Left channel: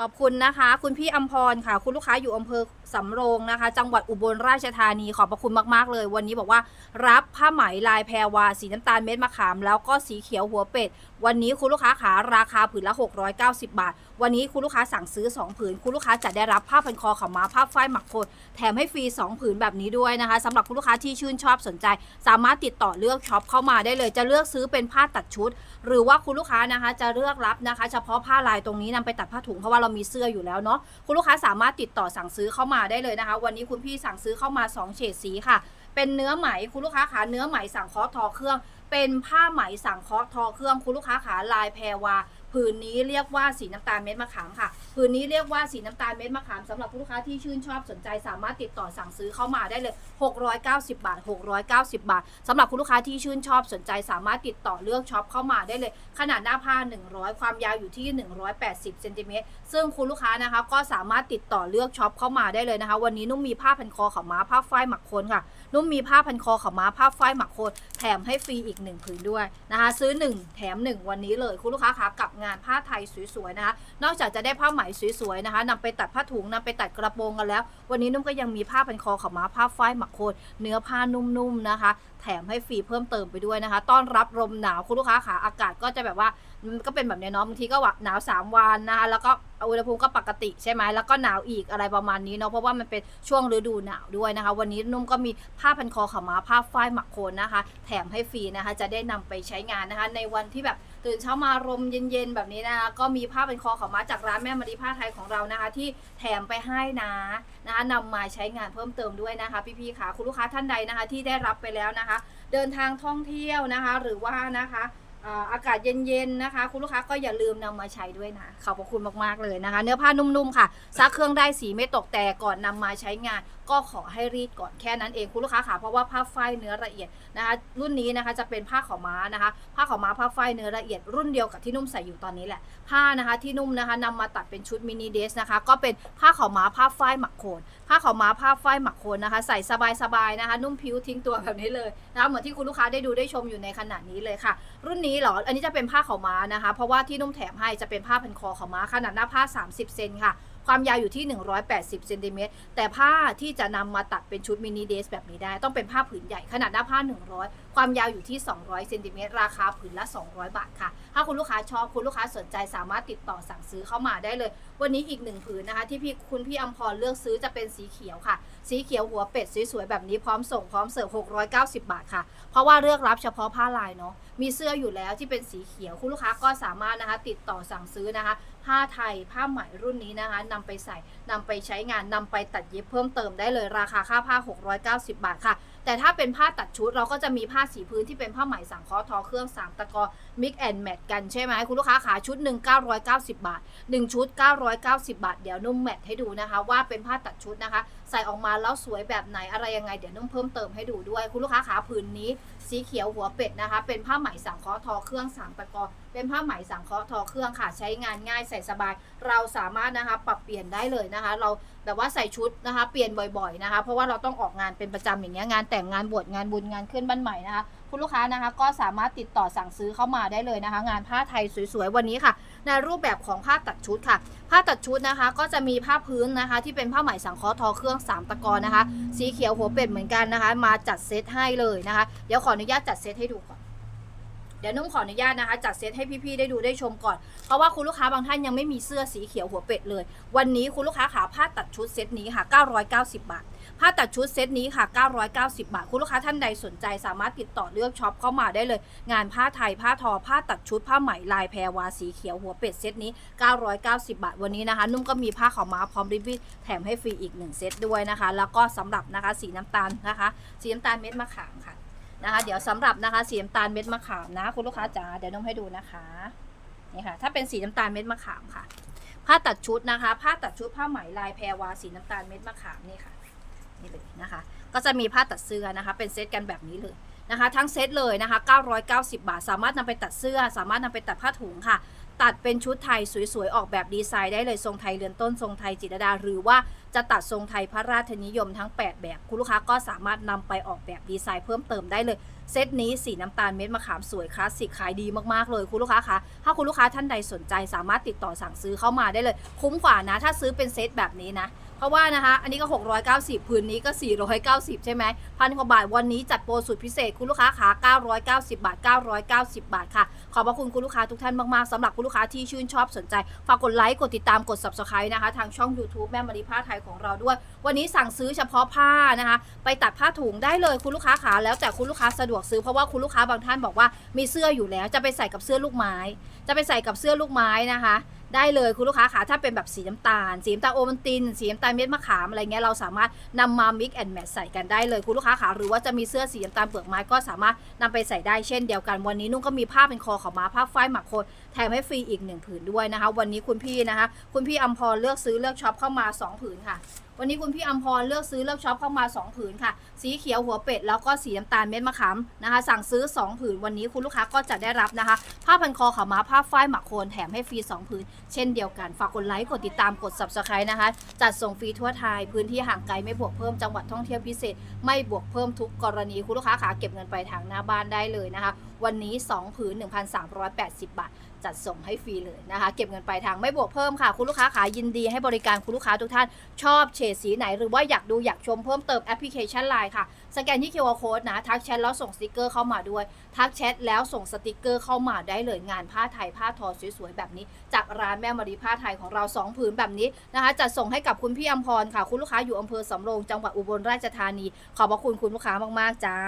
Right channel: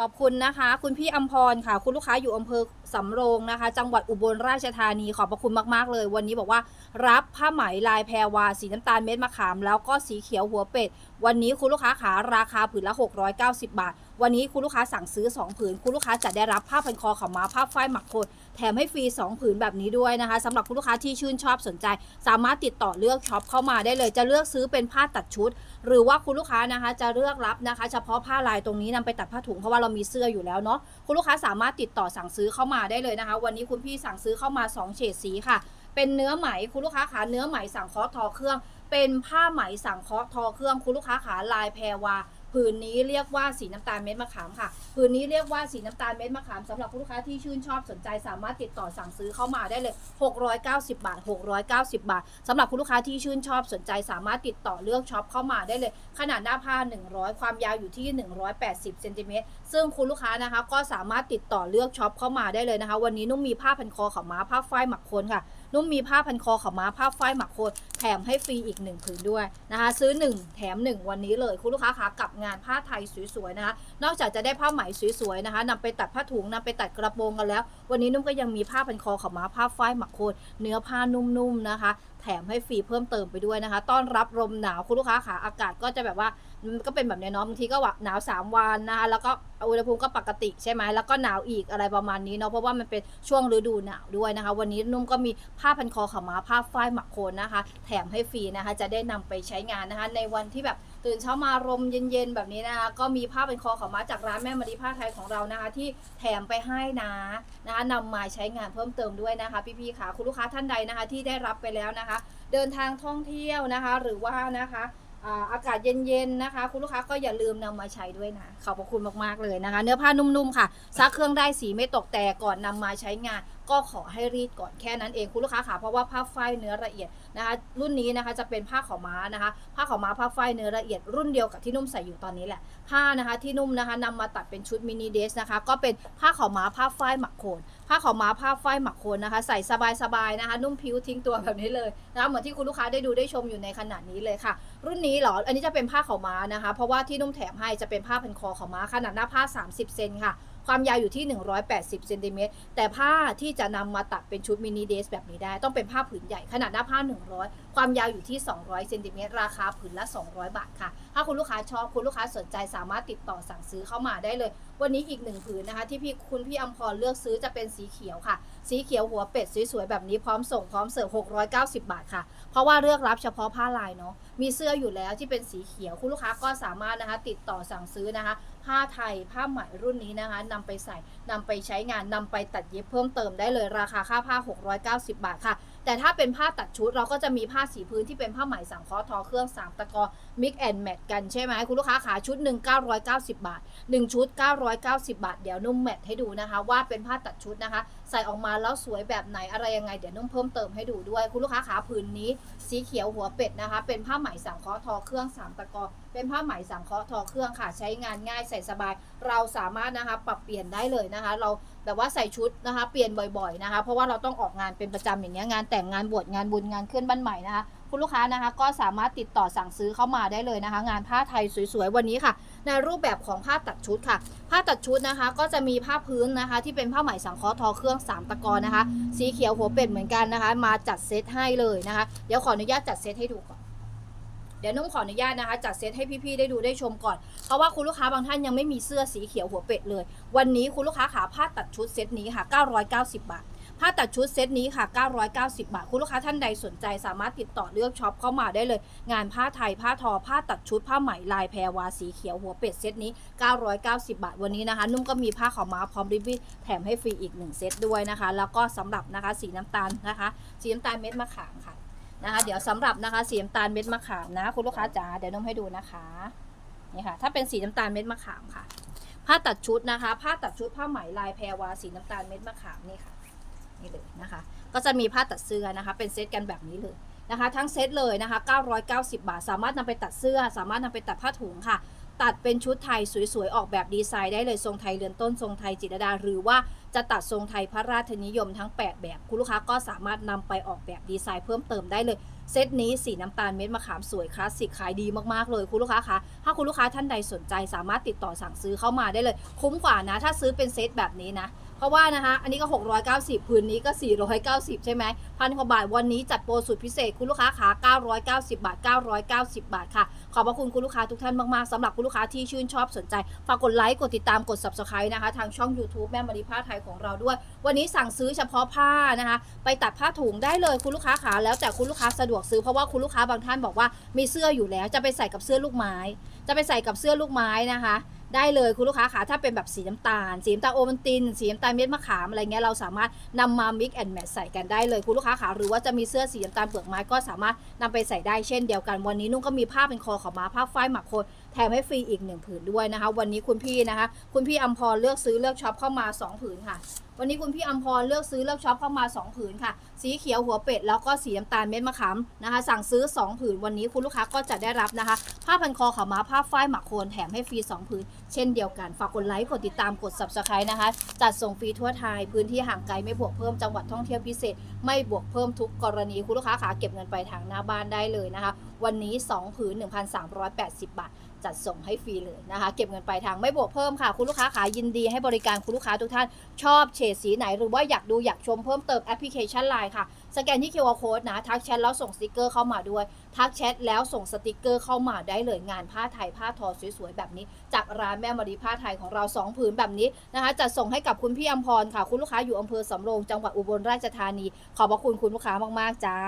ขอบคุณนะคะ คุณพี่อมพรค่ะ คุณลูกค้าอยู่อำเภอ สำโรงนะคะ จังหวัดอุบลราชธานีขอบพระคุณมากๆเลย วันนี้บอกว่ารับผ้าไหมลายแพรวาสีน้ำตาลเม็ดมะขาม แล้วก็สีเขียวหัวเป็ด วันนี้คุณลูกค้าขาราคาผืนละ 690 บาท วันนี้คุณลูกค้าสั่งซื้อ 2 ผืน คุณลูกค้าจะได้รับผ้าพันคอขาม้าผ้าฝ้ายหมักโคนแถมให้ฟรี 2 ผืนแบบนี้ด้วยนะคะสำหรับคุณลูกค้าที่ชื่นชอบสนใจ สามารถติดต่อเลือกช็อปเข้ามาได้เลย จะเลือกซื้อเป็นผ้าตัดชุดหรือว่าคุณลูกค้านะคะจะเลือกรับนะคะ เฉพาะผ้าลายตรงนี้นำไปตัดผ้าถุงเพราะว่าเรามีเสื้ออยู่แล้วเนาะคุณลูกค้าสามารถติดต่อสั่งซื้อเข้ามาได้เลยนะคะ วันนี้คุณพี่สั่งซื้อเข้ามา2เฉดสีค่ะ เป็นเนื้อไหมคุณลูกค้าขาเนื้อไหมสั่งเคาะทอเครื่อง เป็นผ้าไหมสั่งเคาะทอเครื่องคุณลูกค้าขาลายแพรวา ผืนนี้เรียกว่าสีน้ำตาลเม็ดมะขามค่ะ ผืนนี้เรียกว่าสีน้ำตาลเม็ดมะขามสำหรับคุณลูกค้าที่ชื่นชอบสนใจสามารถติดต่อสั่งซื้อเข้ามาได้เลย 690 บาท 690 บาทสำหรับคุณลูกค้าที่ชื่นชอบสนใจสามารถติดต่อเลือกช็อปเข้ามาได้เลย ขนาดหน้าผ้า 100 ความยาวอยู่ที่ 180เซนติเมตรซึ่งคุณลูกค้านะคะก็สามารถติดต่อเลือกช็อปเข้ามาได้เลยนะคะ วันนี้นุ่มมีผ้าพันคอขาวม้าผ้าฝ้ายหมักโคนค่ะ นุ่มมีผ้าพันคอขาวม้าผ้าฝ้ายหมักโคนแถมให้ฟรีอีกหนึ่งผืนด้วยนะคะ ซื้อ 1 แถม 1 วันนี้เลยคุณลูกค้าคะกับงานผ้าไทยสวยๆนะคะ นอกจากจะได้ผ้าไหมสวยๆนะคะนำไปตัดผ้าถุงนำไปตัดกระโปรงกันแล้ว วันนี้นุ่มก็ยังมีผ้าพันคอขาวม้าผ้าฝ้ายหมักโคนเนื้อผ้านุ่มๆนะคะ แถมให้ฟรีเพิ่มเติมไปด้วยนะคะ ต้อนรับลมหนาวคุณลูกค้าขาอากาศก็จะแบบว่าก็เป็นแบบเนี้ยเนาะบางทีก็ว่าหนาว 3 วันนะคะแล้วก็อุณหภูมิก็ปกติใช่ไหมแล้วก็หนาวอีกอะไรประมาณนี้เนาะเพราะว่ามันเป็นช่วงฤดูหนาวด้วยนะคะ วันนี้นุ่มก็มีผ้าพันคอขาม้าผ้าฝ้ายหมักโคนนะคะ แถมให้ฟรีนะคะ จะได้นำไปใช้งานนะคะ ในวันที่แบบตื่นเช้ามารมเย็นๆแบบนี้นะคะก็มีผ้าเป็นคอขาม้าจากร้านแม่มารีผ้าไทยของเรานะคะ ที่แถมไปให้นะนะคะนำมาใช้งานเพิ่มเติมด้วยนะคะ พี่ๆค่ะคุณลูกค้าท่านใดนะคะ ที่ได้รับไปแล้วนะคะเดินทางท่องเที่ยวนะคะ หรือว่านะคะอากาศเย็นๆนะคะ คุณลูกค้าก็อย่าลืมนำมาใช้ด้วยนะขอบพระคุณมากๆเลยนะคะ เนื้อผ้านุ่มๆค่ะซักเครื่องได้สีไม่ตกแต่ก่อนนำมาใช้งาน ก็ขอให้รีดก่อนแค่นั้นเองคุณลูกค้าค่ะเพราะว่าผ้าฝ้ายเนื้อละเอียดนะคะ รุ่นนี้นะคะจะเป็นผ้าขาวม้านะคะ ผ้าขาวม้าผ้าฝ้ายเนื้อละเอียดรุ่นเดียวกับที่นุ่มใส่อยู่ตอนนี้แหละผ้านะคะที่นุ่มนะคะนำมาตัดเป็นชุดมินิเดสนะคะ ก็เป็นผ้าขาวม้าผ้าฝ้ายหมักโคน ผ้าขาวม้าผ้าฝ้ายหมักโคนนะคะ ใส่สบายๆนะคะ นุ่มผิวทิ้งตัวแบบนี้เลยนะคะเหมือนที่คุณลูกค้าได้ดูได้ชมอยู่ในขณะนี้เลยค่ะ รุ่นนี้เหรออันนี้จะเป็นผ้าขาวม้านะคะ เพราะว่าที่นุ่มแถมให้จะเป็นผ้าพันคอขาวม้าขนาดหน้าผ้า 30 เซนค่ะความยาวอยู่ที่ 180เซนติเมตรแต่ผ้าที่จะนำมาตัดเป็นชุดมินิเดสแบบนี้ได้ ต้องเป็นผ้าผืนใหญ่ขนาดหน้าผ้า100ความยาวอยู่ที่ 200เซนติเมตรราคาผืนละ 200 บาทค่ะ ถ้าคุณลูกค้าชอบคุณลูกค้าสนใจสามารถติดต่อสั่งซื้อเข้ามาได้เลย วันนี้อีกหนึ่งผืนนะคะ ที่พี่คุณพี่อัมพรเลือกซื้อจะเป็นสีเขียวค่ะ สีเขียวหัวเป็ดสวยๆแบบนี้พร้อมส่งพร้อมเสิร์ฟ690 บาทค่ะ เพราะว่าเลือกรับเฉพาะผ้าลายเนาะมีเสื้ออยู่แล้วที่เป็นสีเขียวคุณลูกค้าก็สามารถนะคะ ติดต่อสั่งซื้อนะคะ ผ้าไทยผ้าไหมรุ่นนี้นะคะนำไปใส่นำไปใช้งานนำไปตัดเย็บเพิ่มเติมได้เลยราคาค่าผ้า 690 บาทค่ะ แต่ถ้าเป็นผ้าตัดชุดเราก็จะมีผ้าสีพื้นที่เป็นผ้าไหมสังเคราะห์ทอเครื่อง3ตะกอ mix and match กันใช่ไหมคุณลูกค้าขาชุดหนึ่ง990บาท1ชุด990บาท เดี๋ยวนุ่มแมทให้ดูนะคะ ว่าเป็นผ้าตัดชุดนะคะ ใส่ออกมาแล้วสวยแบบไหนอะไรยังไง เดี๋ยวนุ่มเพิ่มเติมให้ดูด้วย คุณลูกค้าขาผืนนี้ สีเขียวหัวเป็ดนะคะ เป็นผ้าไหมสังเคราะห์ทอเครื่อง3ตะกอ เป็นผ้าไหมสังเคราะห์ทอเครื่องค่ะ ใช้งานง่ายใส่สบาย เราสามารถนะคะปรับเปลี่ยนได้เลยนะคะ เราแบบว่าใส่ชุดนะคะ เปลี่ยนบ่อยๆนะคะ เพราะว่าเราต้องออกงานเป็นประจำอย่างเงี้ยงานแต่งงานบวชงานบุญงานขึ้นบ้านใหม่นะคะ คุณลูกค้านะคะ ก็สามารถติดต่อสั่งซื้อเข้ามาได้เลยนะคะ งานผ้าไทยสวยๆวันนี้ค่ะ ในรูปแบบของผ้าตัดชุดค่ะ ผ้าตัดชุดนะคะ ก็จะมีผ้าพื้นนะคะ ที่เป็นผ้าไหมสังเคราะห์ทอเครื่อง3ตะกอนะคะ สีเขียวหัวเป็ดเหมือนกันนะคะ มาจัดเซตให้เลยนะคะ เดี๋ยวขออนุญาตจัดเซตให้ดูก่อน เดี๋ยวนุ่มขออนุญาตนะคะจัดเซตให้พี่ๆได้ดูได้ชมก่อน เพราะว่าคุณลูกค้าบางท่านยังไม่มีเสื้อสีเขียวหัวเป็ดเลย วันนี้คุณลูกค้าขาผ้าตัดชุดเซตนี้ค่ะ 990 บาทผ้าตัดชุดเซตนี้ค่ะ 990 บาท คุณลูกค้าท่านใดสนใจสามารถติดต่อเลือกช็อปเข้ามาได้เลย งานผ้าไทย ผ้าทอ ผ้าตัดชุด ผ้าไหมลายแพรวาสีเขียวหัวเป็ดเซตนี้ 990 บาท วันนี้นะคะ นุ่มก็มีผ้าขาวม้าพร้อมริบบิ้นแถมให้ฟรีอีก 1 เซตด้วยนะคะ แล้วก็สำหรับนะคะสีน้ำตาลนะคะ สีน้ำตาลเม็ดมะขามค่ะ นะคะ เดี๋ยวสำหรับนะคะสีน้ำตาลเม็ดมะขามนะ คุณลูกค้าจ๋าเดี๋ยวนุ่มให้ดูนะคะนี่ค่ะ ถ้าเป็นสีน้ำตาลเม็ดมะขามค่ะ ผ้าตัดชุดนะคะ ผ้าตัดชุดผ้าไหมลายแพรวาสีน้ำตาลเม็ดมะขามนี่ค่ะนี่เลยนะคะ ก็จะมีผ้าตัดเสื้อนะคะ เป็นเซตกันแบบนี้เลยนะคะ ทั้งเซตเลยนะคะ 990 บาท สามารถนำไปตัดเสื้อ สามารถนำไปตัดผ้าถุงค่ะ ตัดเป็นชุดไทยสวยๆ ออกแบบดีไซน์ได้เลยทรงไทยเรือนต้นทรงไทยจิตรดา หรือว่าจะตัดทรงไทยพระราชนิยมทั้ง 8 แบบ คุณลูกค้าก็สามารถนำไปออกแบบดีไซน์เพิ่มเติมได้เลย เซตนี้สีน้ำตาลเม็ดมะขามสวยคลาสสิกขายดีมากๆเลยคุณลูกค้าคะถ้าคุณลูกค้าท่านใดสนใจสามารถติดต่อสั่งซื้อเข้ามาได้เลย คุ้มกว่านะ ถ้าซื้อเป็นเซตแบบนี้นะ ราะว่านะคะอันนี้ก็ 690พื้นนี้ก็ 490 ใช่ไหมพันกว่าบาทวันนี้จัดโปรสุดพิเศษคุณลูกค้าขา990 บาท 990 บาทค่ะ ขอบพระคุณคุณลูกค้าทุกท่านมากๆสำหรับคุณลูกค้าที่ชื่นชอบสนใจ ฝากกดไลค์ กดติดตามกด subscribe นะคะ ทางช่อง YouTube แม่มารีผ้าไทยของเราด้วย วันนี้สั่งซื้อเฉพาะผ้านะคะ ไปตัดผ้าถุงได้เลยคุณลูกค้าขาแล้วแต่คุณลูกค้าสะดวกซื้อเพราะว่าคุณลูกค้าบางท่านบอกว่ามีเสื้ออยู่แล้ว จะไปใส่กับเสื้อลูกไม้ จะไปใส่กับเสื้อลูกไม้นะคะ ได้เลยคุณลูกค้าขาถ้าเป็นแบบสีน้ำตาล สีน้ำตาลโอมันติน สีน้ำตาลเม็ดมะขามอะไรเงี้ยเราสามารถนำมา mix and match ใส่กันได้เลยคุณลูกค้าขาหรือว่าจะมีเสื้อสีน้ำตาลเปลือกไม้ก็สามารถนำไปใส่ได้เช่นเดียวกันวันนี้นุ่งก็มีผ้าเป็นคอขาวม้าผ้าฝ้ายหมักโคน แถมให้ฟรีอีกหนึ่งผืนด้วยนะคะ วันนี้คุณพี่นะคะ คุณพี่อัมพรเลือกซื้อเลือกช็อปเข้ามาสองผืนค่ะ วันนี้คุณพี่อัมพรเลือกซื้อเลือกช็อปเข้ามา 2 ผืนค่ะ สีเขียวหัวเป็ดแล้วก็สีน้ำตาลเม็ดมะขามนะคะ สั่งซื้อ 2 ผืนวันนี้คุณลูกค้าก็จะได้รับนะคะ ผ้าพันคอขาม้าผ้าฝ้ายหมักโคนแถมให้ฟรี 2 ผืน เช่นเดียวกัน ฝากกดไลค์กดติดตามกด subscribe นะคะ จัดส่งฟรีทั่วไทยพื้นที่ห่างไกลไม่บวกเพิ่มจังหวัดท่องเที่ยวพิเศษ ไม่บวกเพิ่มทุกกรณีคุณลูกค้าขาเก็บเงินไปทางหน้าบ้านได้เลยนะคะ วันนี้ 2 ผืน 1,380 บาท จัดส่งให้ฟรีเลยนะคะ เก็บเงินปลายทางไม่บวกเพิ่มค่ะ คุณลูกค้าขายินดีให้บริการคุณลูกค้าทุกท่าน ชอบเฉดสีไหน หรือว่าอยากดูอยากชมเพิ่มเติมแอปพลิเคชันไลน์ค่ะ สแกนที่ QR Code นะ ทักแชทแล้วส่งสติกเกอร์เข้ามาด้วย ทักแชทแล้วส่งสติกเกอร์เข้ามาได้เลยงานผ้าไทยผ้าทอสวยๆแบบนี้ จากร้านแม่มารีผ้าไทยของเรา2ผืนแบบนี้นะคะจัดส่งให้กับคุณพี่อมพรค่ะ คุณลูกค้าอยู่อำเภอสำโรงจังหวัดอุบลราชธานี ขอบพระคุณคุณลูกค้ามากๆจ้า